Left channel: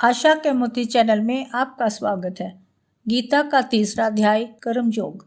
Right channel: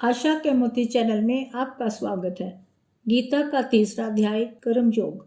आशा के मोती चैनल में आपका स्वागत है। गीता का तीसरा अध्याय कर्मयोग।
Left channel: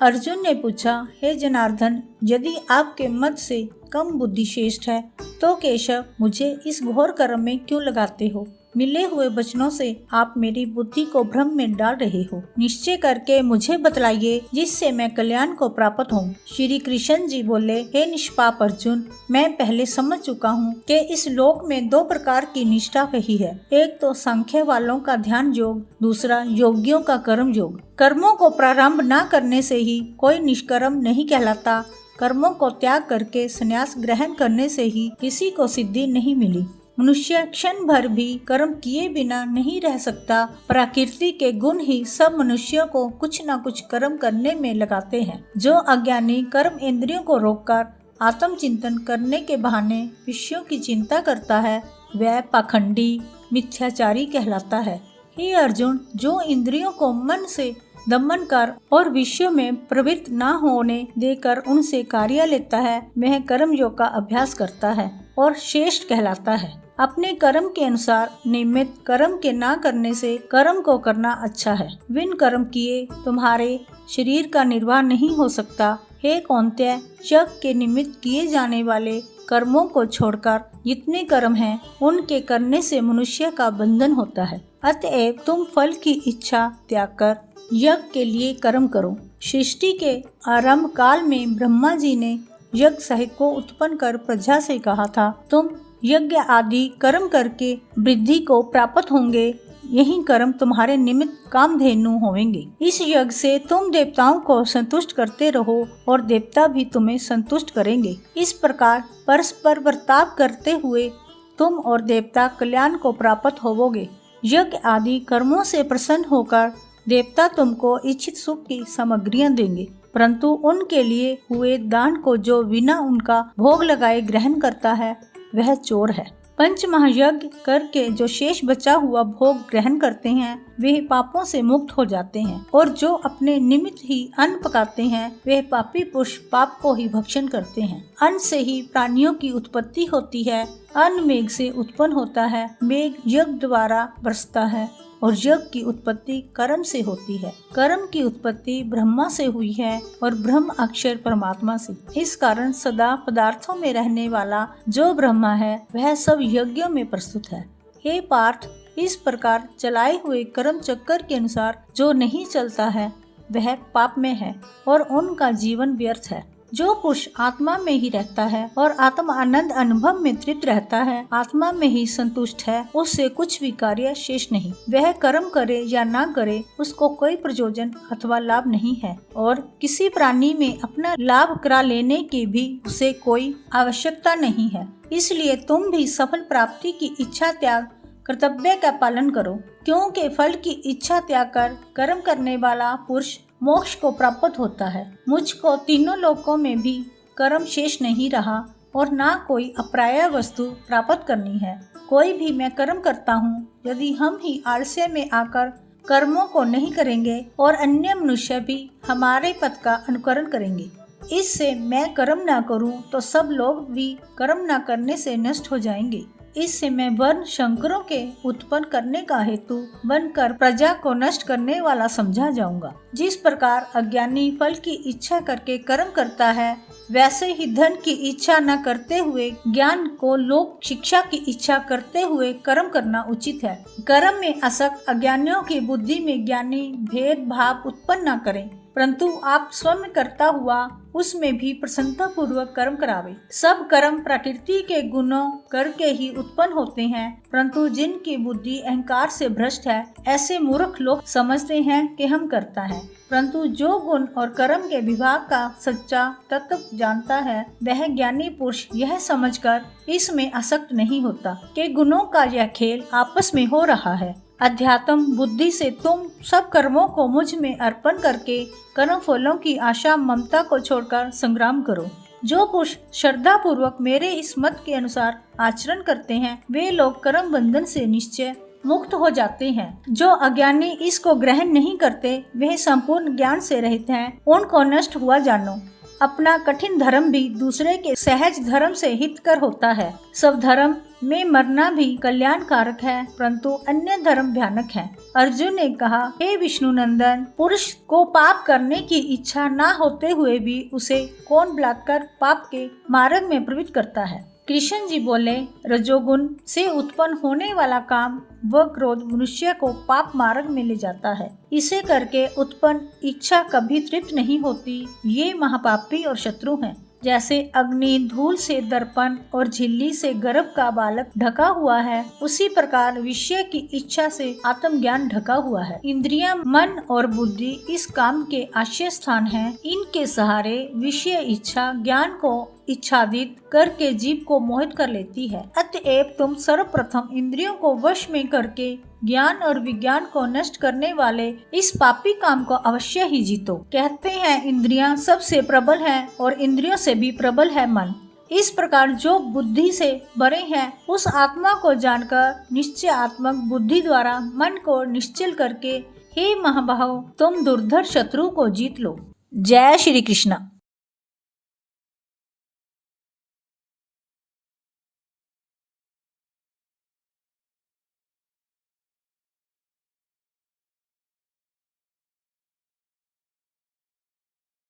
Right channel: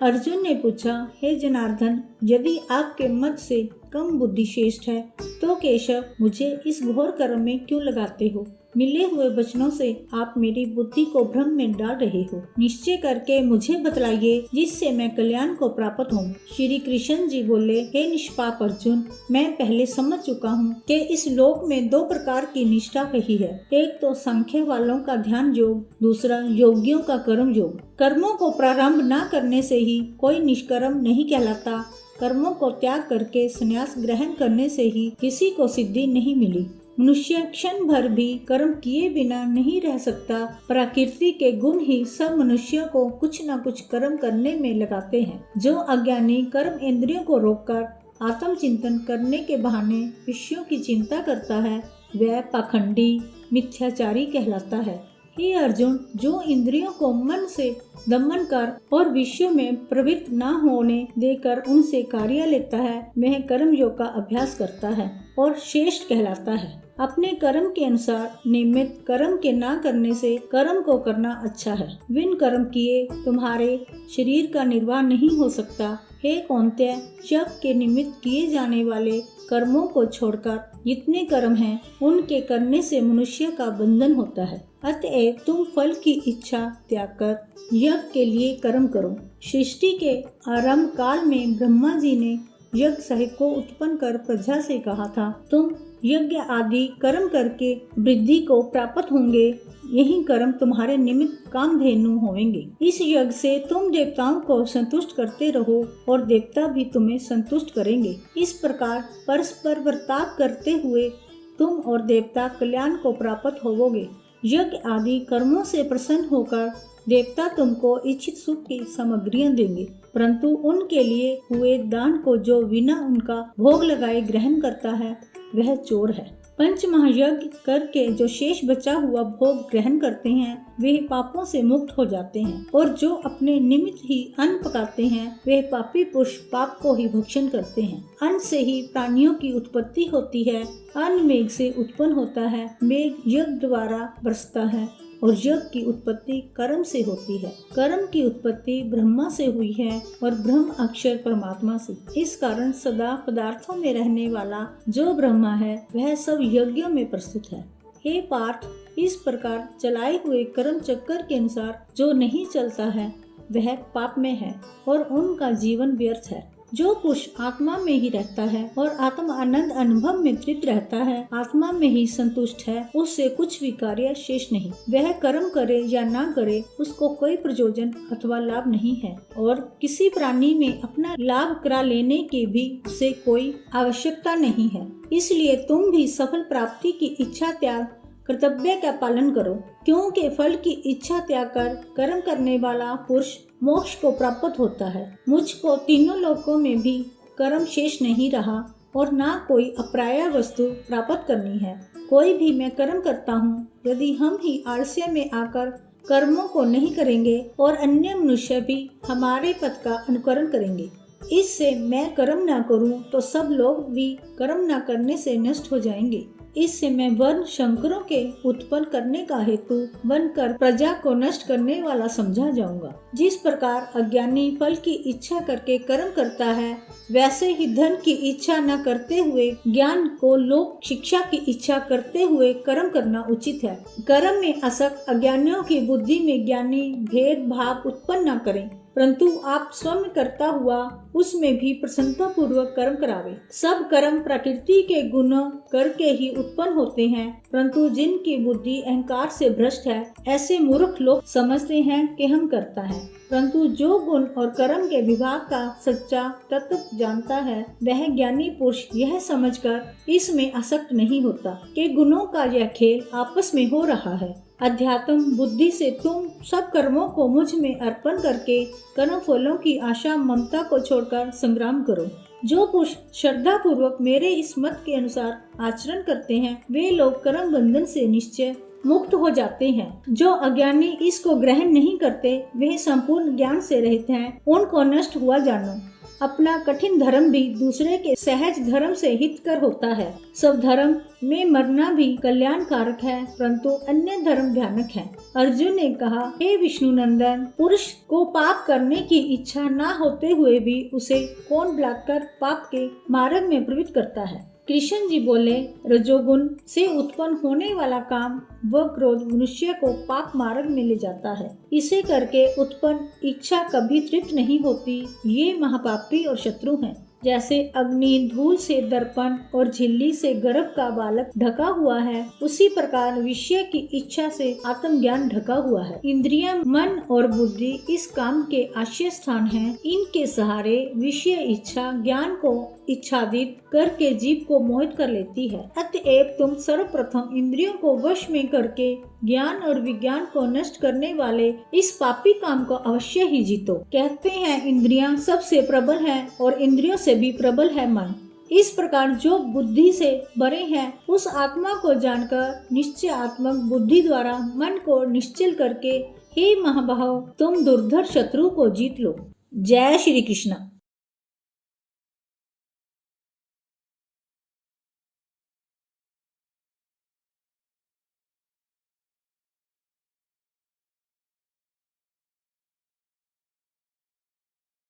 अर्जुन ने पूछा, हे जनार्दन, यदि आपके मत से कम बुद्धि श्रेष्ठ है तो केशव मुझे इस घोर कर्म में क्यों लगाते हो? मिले हुए वचनों से आप मेरी बुद्धि को भ्रम में डाल रहे हो। निश्चय करके मुझे बतलाइए जिससे मैं कल्याण को प्राप्त हूँ। श्री कृष्ण जी बोले, हे निष्पाप अर्जुन, मैं पहले समझ चुका हूँ कि इस लोक में दो प्रकार की निष्ठा रही है। एक तो सांख्य वालों का ध्यान योग, दूसरा योगियों का कर्म योग। कर्मों को प्रारंभ न करने से ही कोई निष्कर्म नहीं कहलाता। कर्मों को त्याग करके संन्यास ग्रहण करने से ही किसी को सिद्धि नहीं मिली। मनुष्य क्षण भर भी कर्म किए बिना नहीं रह सकता। प्रकृति के गुण ही सब मनुष्यों को कुछ न कुछ कर्म करने में लगाते हैं। जो अज्ञानी कर्म इंद्रियों को रोककर आत्म चिंतन करने के बहाने विषयों की चिंता करता है, वह पाखंडी मिथ्याचारी कहलाता है। हे अर्जुन, जो इंद्रियों को मन से दमन कर और विषयों में प्रवृत्त न होने देकर उनसे कार्य लेता है, वह कर्म योग का अभ्यास करता है और श्रेष्ठ कहलाता है। अपने कर्म के अनुसार नियमित कर्म के ना करने से कर्म को करना अच्छा है। बिन कर्म किए तुम्हारे शरीर का निर्वाह नहीं हो सकता। हे कौन्तेय, यज्ञ के निमित्त किए जाने वाले कर्मों को छोड़कर जितने कर्म हैं उनके करने से मनुष्य का बंधन होता है। अतएव तुम फल की इच्छा त्याग कर यज्ञ के लिए कर्म करो। सृष्टि के आरंभ काल में ब्रह्मा जी ने यज्ञ सहित को उत्पन्न कर प्रजा से कहा था, तुम यज्ञ आदि कर्म करके वृद्धि को प्राप्त होंगे। यही कर्म तुम्हारे निमित्त कामधेनु होंगे। इस यज्ञ से तुम देवताओं को संतुष्ट करते रहो और देवता भी तुम्हें संतुष्ट करेंगे। इस प्रकार परस्पर बर्ताव करते हुए तुम और देवता कल्याण को प्राप्त होवोगे। यज्ञ आदि कर्मों से प्रसन्न होकर देवता तुमको इच्छित सुख की सामग्रियां देंगे, परंतु उनके लिए हुए दान को जो बिना उनका भोग लगाए ग्रहण करता है वह चोर है। पंच महायज्ञ करके जो शेष बचा हुआ भोग ग्रहण करते हैं वे पापों से मुक्त हो जाते हैं, और जो अपने निमित्त ही अन्न पकाते हैं वे पापी पुरुष पाप को ही भक्षण करते हैं। अन्न से ही प्राणियों की उत्पत्ति होती है। अन्न मेघ से उत्पन्न होता है, मेघ यज्ञ द्वारा बरसता है और यज्ञ की उत्पत्ति कर्म से होती है। कर्म की उत्पत्ति ब्रह्मा से हुई है और ब्रह्म अक्षर परमात्मा से। इस कारण सदा पदार्थों में रहने वाला जो ब्रह्मा है वह सब यज्ञों में प्रस्तुत है। हे पार्थ, इस प्रकार चलाए हुए कर्म चक्कर के अनुसार जो नहीं चलता है वह पाप में है और उनका जीवन व्यर्थ है। जो पुरुष आत्मा में ही रहता है और आत्मा आनंद अनुभव में तृप्त रहता है, आत्मा में ही संतुष्ट है, उससे कुछ भी कार्य शेष नहीं। वह कर्म करे या ना करे उसको कोई प्रयोजन अथवा लाभ नहीं है, और किसी प्राणी में अपना लाभ करा लेने की भी उसे कोई आवश्यकता नहीं है। इसलिए तुम भी सफल प्राप्ति की इच्छा त्याग कर्तव्य का पालन करो, क्योंकि फल की इच्छा त्याग कर कर्म करने वाला पुरुष मोक्ष को प्राप्त होता है। मुझको तीनों लोकों में भी कर्म शेष नहीं रहा और ना कोई अप्राप्य वस्तु प्राप्त करनी है। कोई भी मैं कर्म करता हूँ, यदि हम ही आलस्य में आकर कर्मों को नहीं करेंगे और अन्य मनुष्य भी हमारे पथ का अनुकरण करेंगे। इससे मैं कर्म ना करूँ तो सब लोग भी कर्म ना करने से नष्ट हो जाएंगे। इससे मैं वर्ण शंकरों के उत्पन्न करने का हेतु बनकर प्रजा को नष्ट करने वाला समझा जाऊंगा। जिस प्रकार अज्ञानी फल की इच्छा करके कर्म करता है, वैसे ही धन की इच्छा न करते हुए ज्ञान को लोक शिक्षा की इच्छा करते हुए कर्म करना उचित है। कर्म में आसक्त अज्ञानियों की बुद्धि में ज्ञानी भेद भाव उत्पन्न न करें, परंतु आप स्वयं करता हुआ उसमें भी प्रसन्नता पूर्वक कर्म करावे। सब कर्म प्रकृति के गुणों करके ही उत्पन्न होते हैं, परंतु जिनकी बुद्धि अहंकार से भ्रष्ट है, ऐसे मूर्ख लोग समझते हैं कि हम करता है, परंतु जो गुण और कर्म के विभाग का सच्चा तत्व जानता है वह ज्ञानी पुरुष यह समझकर इसमें आसक्त नहीं होता कि गुणों का यह खेल आपस में हो रहा है। अध्यात्म बुद्धि से तुम सब कर्मों को मुझ में अर्पण करके कर्म फलों की आशा ममता को छोड़कर संग्राम करो। जो पुरुष श्रद्धा पूर्वक मेरे इस मत के अनुसार आचरण करते हैं वे लोग कर्म बंधन से निश्चय मुक्त हो जाते हैं। जो अज्ञानी इसको ग्रहण नहीं करते वे संपूर्ण ज्ञान से रहित हैं, उनको नष्ट हुआ जानो। अपना कठिन धर्म भी दूसरे के सहज धर्म से हितकर होता है। सब धर्म में मरना भी कल्याणकारक है, परंतु अन्य धर्म भयानक है। अर्जुन ने कहा, हे विष्णु नंदन, पुरुष को पाप करने की इच्छा न होते हुए भी उसे कौन बुलाकर पाप के मार्ग में प्रवृत्त करता है। कृष्ण जी बोले, रजोगुण से उत्पन्न होने वाला काम व क्रोध मनुष्य को पाप मार्ग में ले जाता है। इसे करके उत्पन्न इच्छा कभी तृप्त नहीं होती। ये महापापी और शत्रु हैं। जैसे अग्नि धूल से दर्पण और झिल्ली से गर्भ का बालक ढका हुआ है, उसी प्रकार विषय की इच्छा से आत्मज्ञान ढका हुआ है। इंद्रियां, मन और बुद्धि इस काम के आश्रय स्थान हैं। इनके सहारे विषय इच्छा ज्ञान को इच्छादित करके जीव को मोहित कर लेती है। अतएव तुम सर्वप्रथम इंद्रियों को वश में करके ज्ञान और विज्ञान को नष्ट करने वाले इस पापी काम को अवश्य ही जीतो। कहते हैं इंद्रियां सबसे प्रबल हैं और इंद्रियों से भी प्रबल है मन। इस प्रकार जो बुद्धि से बड़े हैं उस आत्मा को जानकर निश्चयात्मक बुद्धि द्वारा मन को निश्चल करके हे महाबाहो, तुम दुर्धर शत्रु को जीत लो। जय श्री कृष्ण।